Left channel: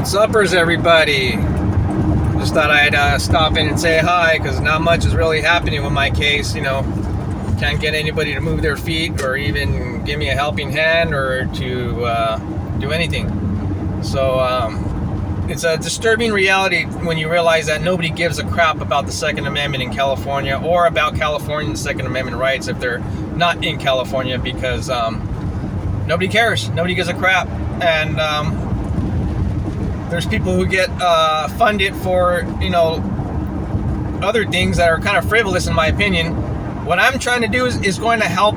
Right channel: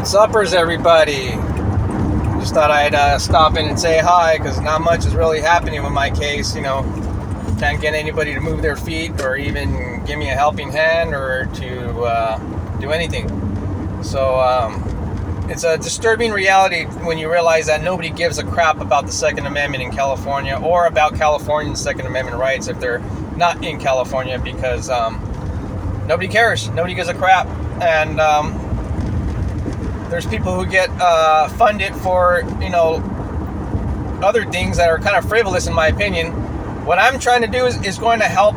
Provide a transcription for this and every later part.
What's uppers, everybody? Just thought I'd stop in and say hi, because not much is really happening with my case. Can't get anybody to move their feet or even give me a helping hand or to do anything. So it's a disturbing reality when you realize that nobody gives a crap about the Second Amendment in California or about Californians' Second Amendment rights if they're not in California, because nobody cares. Nobody gives a crap. And there's people who get funded for, other things that are kind of frivolous, in my opinion. What I'm trying to do is going to help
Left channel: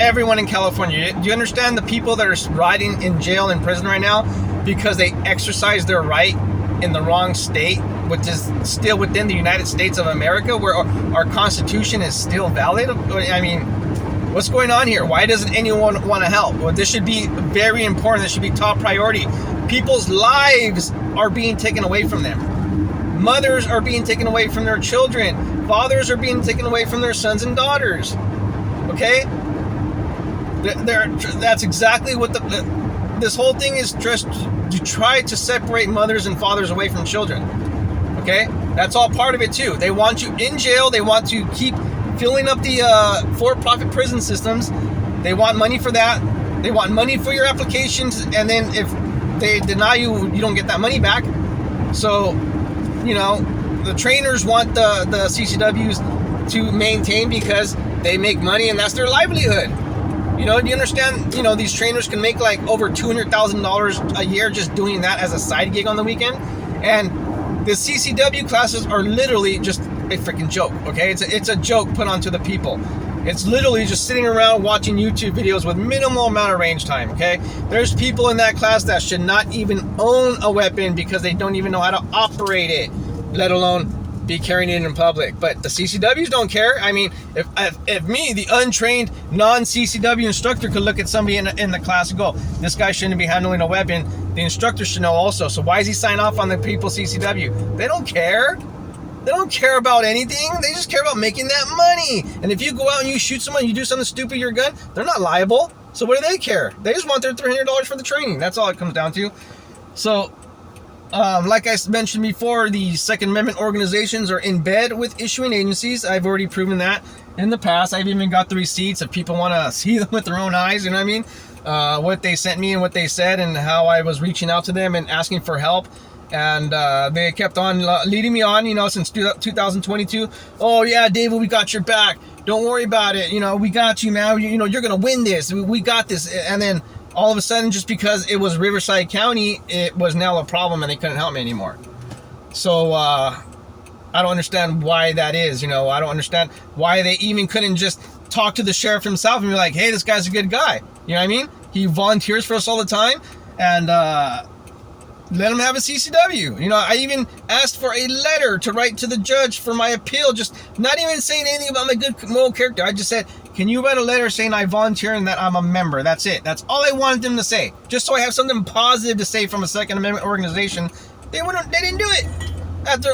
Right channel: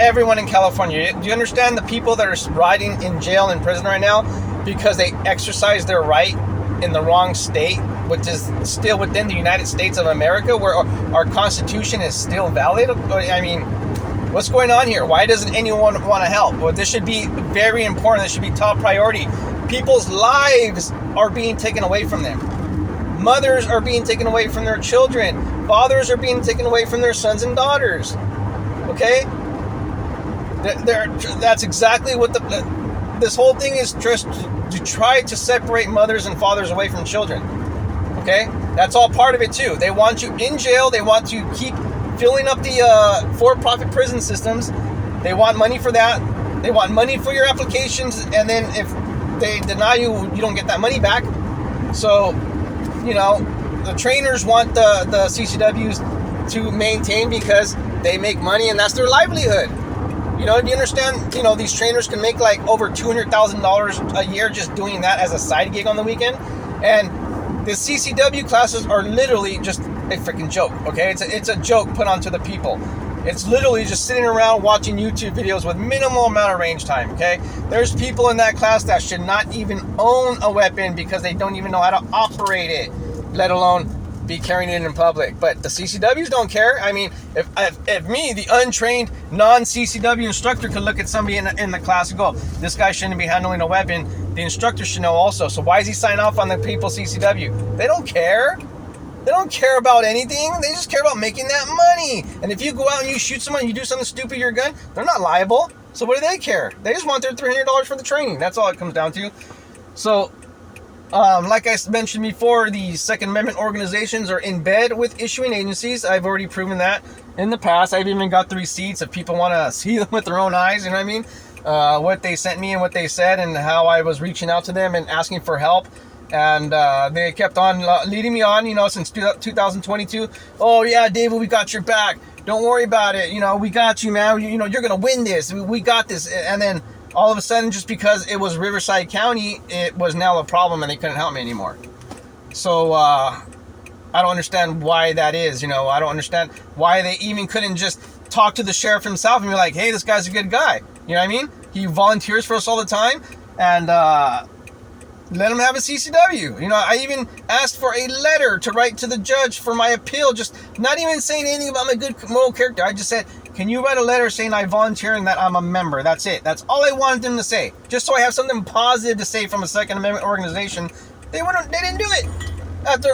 everyone in California. Do you understand the people that are rotting in jail and prison right now because they exercise their right in the wrong state, which is still within the United States of America, where our Constitution is still valid? I mean, what's going on here? Why doesn't anyone want to help? Well, this should be very important. This should be top priority. People's lives are being taken away from them. Mothers are being taken away from their children. Fathers are being taken away from their sons and daughters. Okay? That's exactly what this whole thing is, just to try to separate mothers and fathers away from children. Okay? That's all part of it too. They want you in jail. They want to keep filling up the for-profit prison systems. They want money for that. They want money for your applications, and then if they deny you, you don't get that money back. So, the trainers want the CCWs to maintain because they make money and that's their livelihood. Do you understand? These trainers can make like over $200,000 a year just doing that as a side gig on the weekend. And the CCW classes are literally just a freaking joke, okay? It's a joke put onto the people. It's literally just sitting around watching YouTube videos with minimal amount of range time, okay? There's people in that class that should not even own a weapon because they don't even know how to operate it, let alone be carrying it in public. But the CCWs don't care. I mean, if me, the untrained non-CCW instructor, could look at somebody in the class and go, this guy shouldn't be handling a weapon, the instructor should know also. So why is he signing off on the people's CCW? They don't care. They don't care about anything. They just care about making that money. And if you go out and you shoot someone, you do something stupid with your gun, they're not liable. So what do they care? They just want their $300 for the training. That's all it comes down to. So, like I mentioned before, the Second Amendment organizations are in bed with issuing agencies. I've already proven that in the past. I've even got the receipts if people want to see them with their own eyes. You know what I mean? What they sent me and what they said and how I was reaching out to them and asking for help. And they kept on leading me on, since 2022. Oh, yeah, David, we got your back. Don't worry about it. We got you, man. You're going to win this. We got this. And then all of a sudden, just because it was Riverside County, it was now a problem and they couldn't help me anymore. So I don't understand why that is. I don't understand why they even couldn't just talk to the sheriff himself and be like, hey, this guy's a good guy. You know what I mean? He volunteers for us all the time. And let him have a CCW. I even asked for a letter to write to the judge for my appeal, just not even saying anything about my good moral character. I just said, can you write a letter saying I volunteer and that I'm a member? That's it. That's all I wanted them to say. Just so I have something positive to say from a Second Amendment organization. They didn't do it. After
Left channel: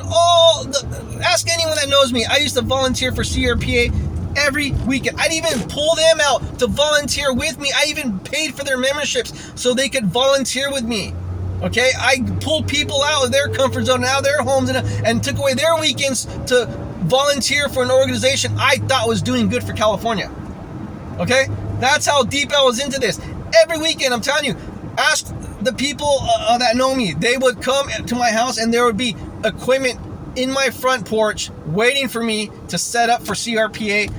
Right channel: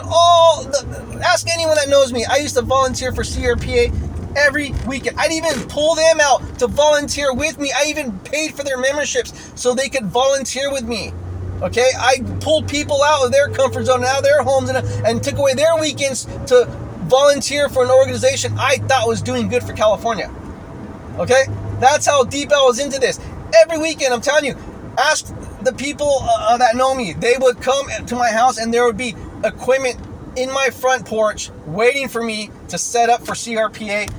ask anyone that knows me. I used to volunteer for CRPA every weekend. I'd even pull them out to volunteer with me. I even paid for their memberships so they could volunteer with me. Okay, I pulled people out of their comfort zone, out of their homes, and took away their weekends to volunteer for an organization I thought was doing good for California. Okay, that's how deep I was into this. Every weekend, I'm telling you, ask the people that know me. They would come to my house and there would be equipment in my front porch waiting for me to set up for CRPA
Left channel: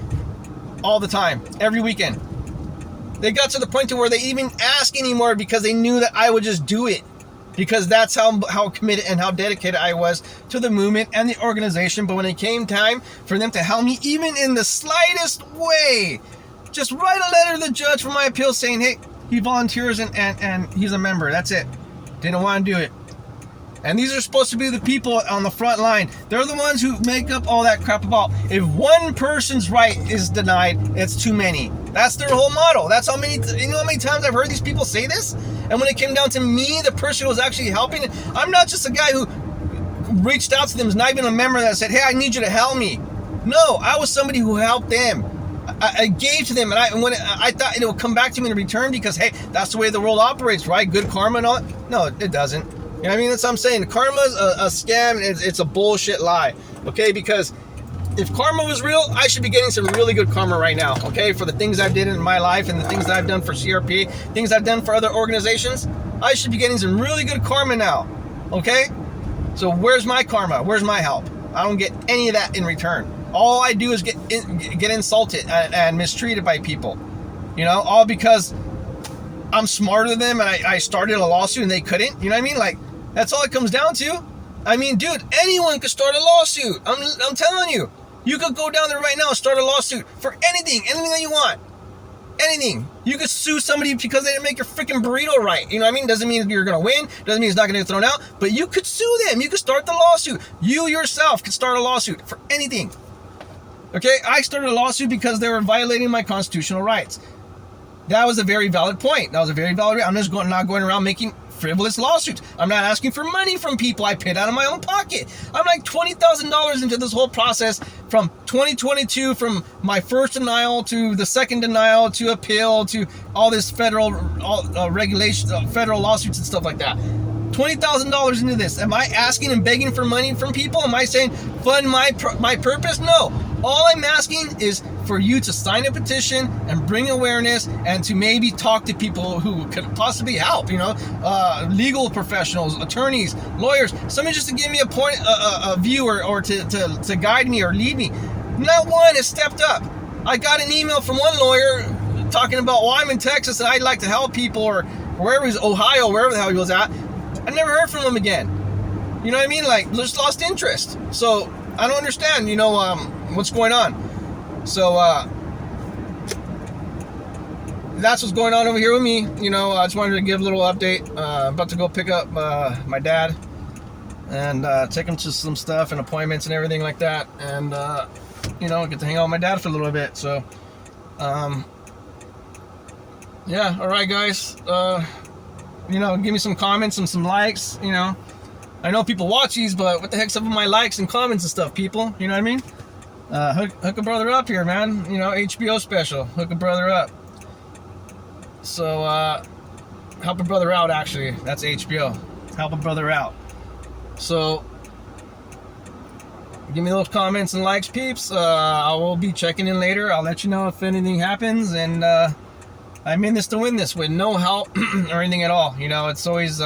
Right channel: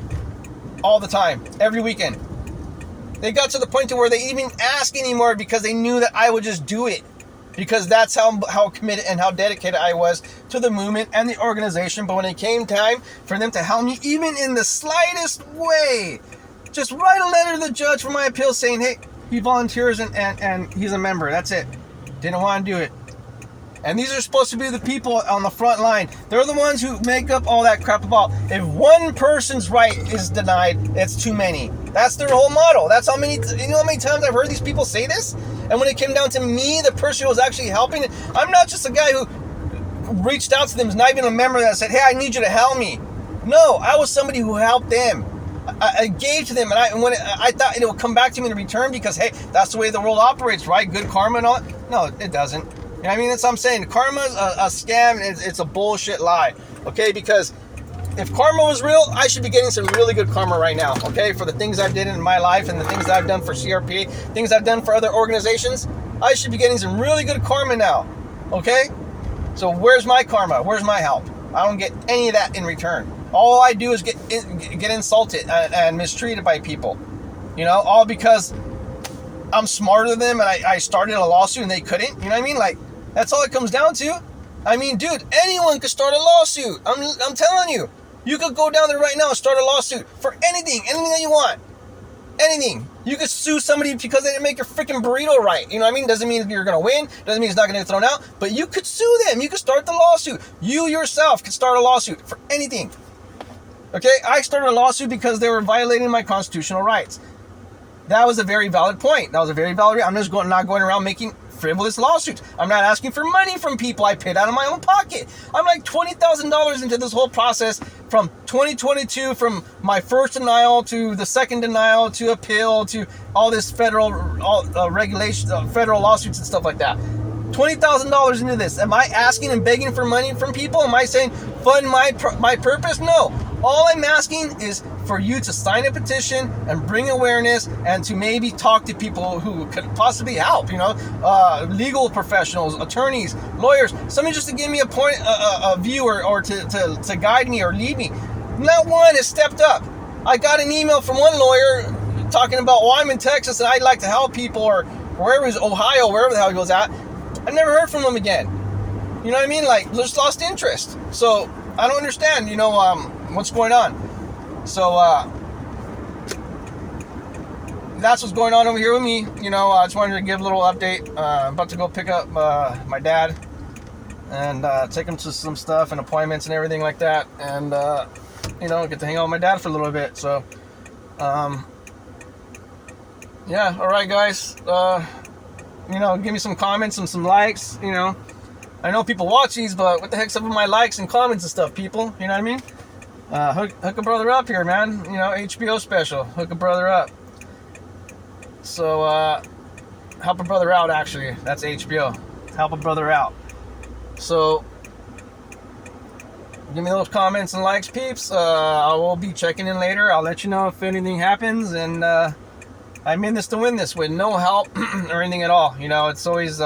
all the time, every weekend. They got to the point to where they even ask anymore because they knew that I would just do it. Because that's how committed and how dedicated I was to the movement and the organization. But when it came time for them to help me, even in the slightest way, just write a letter to the judge for my appeal saying, hey, he volunteers and he's a member. That's it. Didn't want to do it. And these are supposed to be the people on the front line. They're the ones who make up all that crap about if one person's right is denied, it's too many. That's their whole model. That's how many times I've heard these people say this? And when it came down to me, the person who was actually helping, I'm not just a guy who reached out to them, is not even a member that said, hey, I need you to help me. No, I was somebody who helped them. I gave to them, and I thought it would come back to me in return because, hey, that's the way the world operates, right? Good karma and all that. No, it doesn't. You know what I mean? That's what I'm saying. Karma's a scam. It's a bullshit lie. Okay, because if karma was real, I should be getting some really good karma right now. Okay, for the things I did in my life and the things that I've done for CRP, things I've done for other organizations, I should be getting some really good karma now. Okay, so where's my karma? Where's my help? I don't get any of that in return. All I do is get insulted and mistreated by people. You know, all because I'm smarter than them and I started a lawsuit and they couldn't. You know what I mean? Like, that's all it comes down to. I mean, dude, anyone could start a lawsuit. I'm telling you. You could go down there right now and start a lawsuit for anything that you want. Anything. You could sue somebody because they didn't make your freaking burrito right. You know what I mean? Doesn't mean you're going to win. Doesn't mean it's not going to get thrown out. But you could sue them. You could start the lawsuit. You yourself could start a lawsuit for anything. Okay? I started a lawsuit because they were violating my constitutional rights. That was a very valid point. That was a very valid. I'm just not going around making frivolous lawsuits. I'm not asking for money from people. I paid out of my own pocket. I'm like $20,000 into this whole process from 2022, from my first denial to the second denial to appeal to all this federal regulations, federal lawsuits and stuff like that. $20,000 into this. Am I asking and begging for money from people? Am I saying fund my purpose? No. All I'm asking is for you to sign a petition and bring awareness and to maybe talk to people who could possibly help, you know, legal professionals, attorneys, lawyers, somebody just to give me a view or to guide me or lead me. Not one has stepped up. I got an email from one lawyer talking about, well, I'm in Texas and I'd like to help people, or wherever he's, Ohio, wherever the hell he was at. I never heard from him again. You know what I mean? Like, just lost interest. So I don't understand, you know, what's going on. So that's what's going on over here with me. You know, I just wanted to give a little update. About to go pick up my dad and take him to some stuff and appointments and everything like that. And, you know, get to hang out with my dad for a little bit. So, yeah, all right, guys. You know, give me some comments and some likes, you know. I know people watch these, but what the heck's up with my likes and comments and stuff, people? You know what I mean? Hook a brother up here, man. You know, HBO special. Hook a brother up. So, help a brother out, actually. That's HBO. Help a brother out. So, give me those comments and likes, peeps. I will be checking in later. I'll let you know if anything happens. And, I'm in this to win this with no help or anything at all. You know, it's always,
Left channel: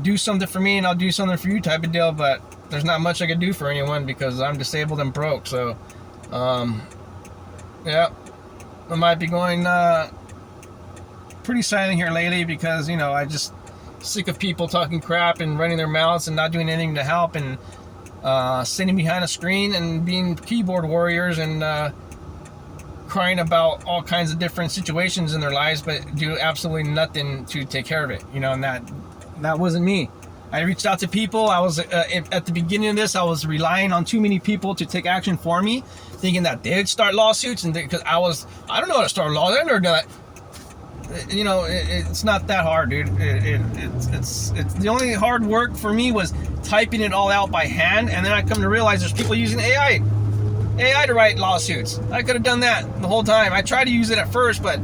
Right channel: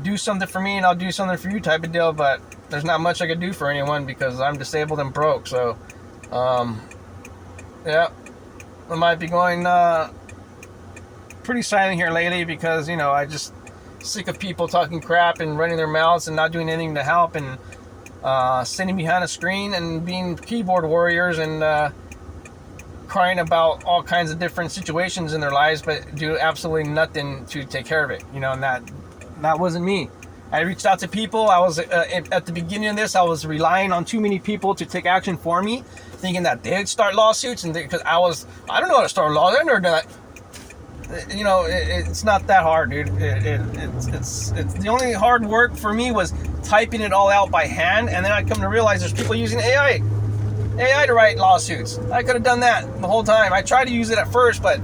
do something for me and I'll do something for you type of deal, but there's not much I can do for anyone because I'm disabled and broke. So, yeah, I might be going pretty silent here lately because, you know, I just sick of people talking crap and running their mouths and not doing anything to help and sitting behind a screen and being keyboard warriors and crying about all kinds of different situations in their lives, but do absolutely nothing to take care of it. You know, and that wasn't me. I reached out to people. I was at the beginning of this, I was relying on too many people to take action for me, thinking that they'd start lawsuits, and because I don't know how to start a lawsuit. I never done that. You know, it's not that hard, dude. It's the only hard work for me was typing it all out by hand, and then I come to realize there's people using AI to write lawsuits. I could have done that the whole time. I tried to use it at first, but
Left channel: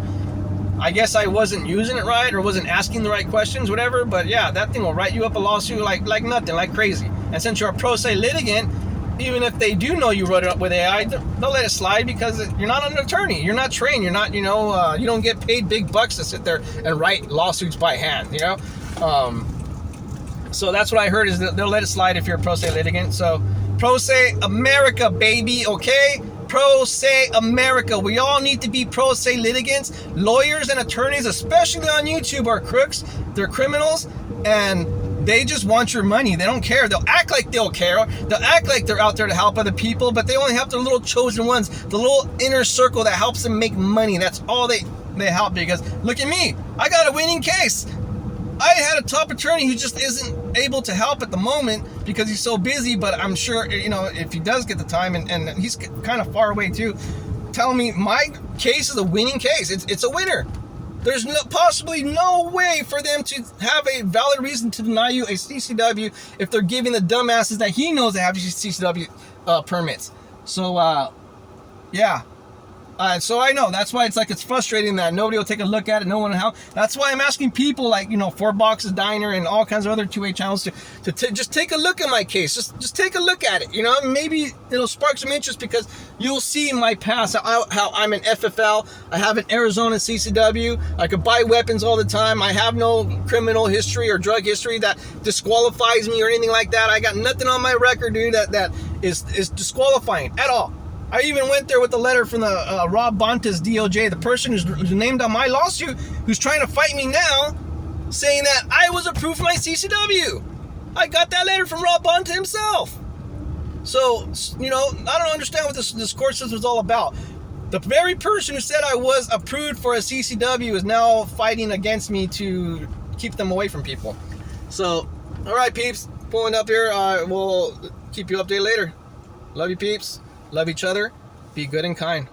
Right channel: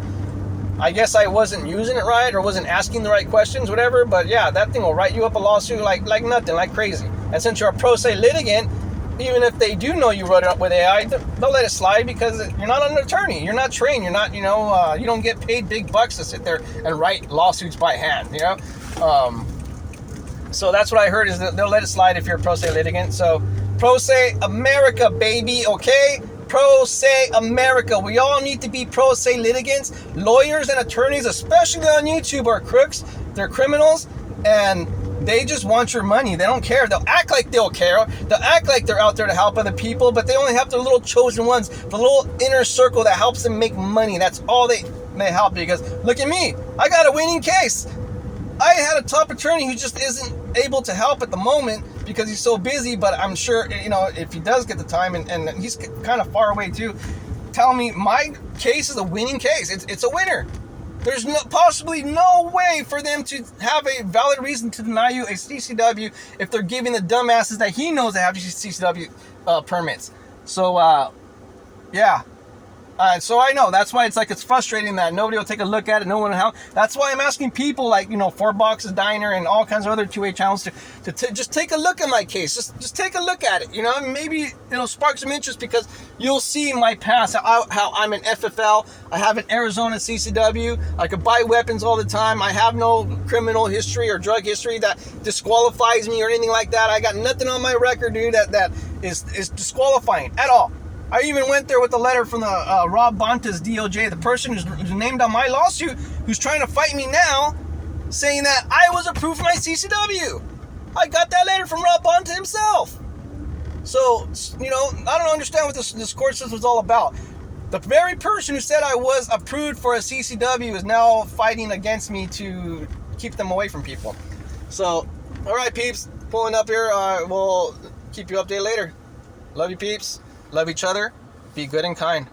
I guess I wasn't using it right or wasn't asking the right questions, whatever. But yeah, that thing will write you up a lawsuit like nothing, like crazy. And since you're a pro se litigant, even if they do know you wrote it up with AI, they'll let it slide because you're not an attorney. You're not trained. You're not, you know, you don't get paid big bucks to sit there and write lawsuits by hand, you know? So that's what I heard is that they'll let it slide if you're a pro se litigant. So pro se America, baby, okay? Pro se America. We all need to be pro se litigants. Lawyers and attorneys, especially on YouTube, are crooks. They're criminals, and they just want your money. They don't care. They'll act like they'll care. They'll act like they're out there to help other people, but they only help their little chosen ones, the little inner circle that helps them make money. That's all they help, because look at me. I got a winning case. I had a top attorney who just isn't able to help at the moment because he's so busy, but I'm sure, you know, if he does get the time, and he's kind of far away too, tell me my case is a winning case. It's a winner. There's possibly no way for them to have a valid reason to deny you a CCW if they're giving the dumbasses that he knows that have CCW permits. So, yeah. So I know that's why it's frustrating that nobody will take a look at it. No one will help. That's why I'm asking people like, 4 Boxes Diner and all kinds of other 2A channels to just take a look at my case. Just take a look at it. Maybe it'll spark some interest because you'll see my past, how I'm an FFL. I have an Arizona CCW. I could buy weapons all the time. I have no criminal history or drug history that disqualifies me or anything like that. I got nothing on my record, dude, that is disqualifying at all. I even went there with a letter from the Rob Bonta's DOJ, the person who's named on my lawsuit, who's trying to fight me now, saying that I was approved for my CCW. I got that letter from Rob Bonta himself. So, I don't understand what this court system is all about. The very person who said I was approved for a CCW is now fighting against me to keep them away from people. So, all right, peeps, pulling up here. We'll keep you updated later. Love you, peeps. Love each other. Be good and kind.